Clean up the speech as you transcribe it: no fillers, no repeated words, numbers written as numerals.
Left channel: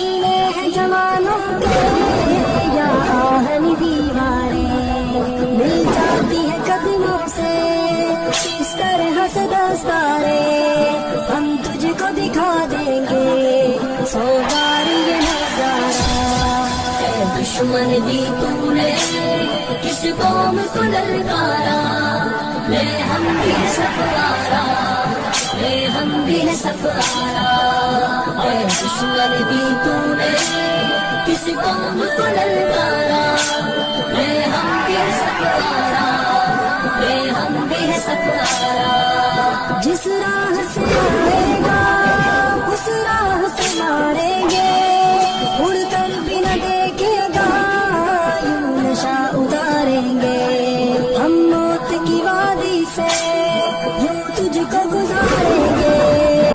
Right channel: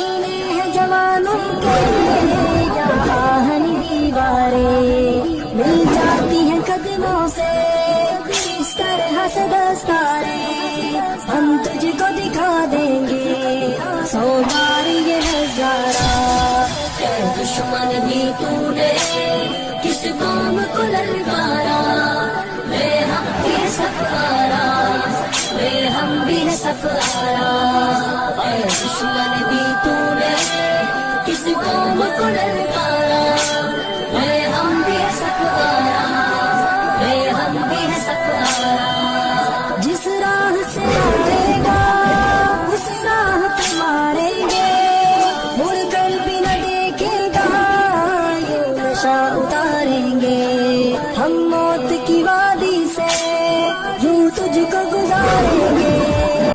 सीने हैं जवानों के यहाँ हर दीवारें मिल जाती हैं कदमों से इस तरह से दस्तारे हम तुझको दिखा देंगे सोचार ये नजारा दुश्मन दी तूने किस कौम को ललकारा ले हम भी सफारा ले हम भी सफारा दुश्मन दी तूने किस कौम को ललकारा ले हम भी सफारा ले हम भी सफारा जिस राह से मारेगा उस राह से मारेंगे मुड़ कर भी न देखेगा यूं नशा उतारेंगे हम मौत की वादी से यूं तुझको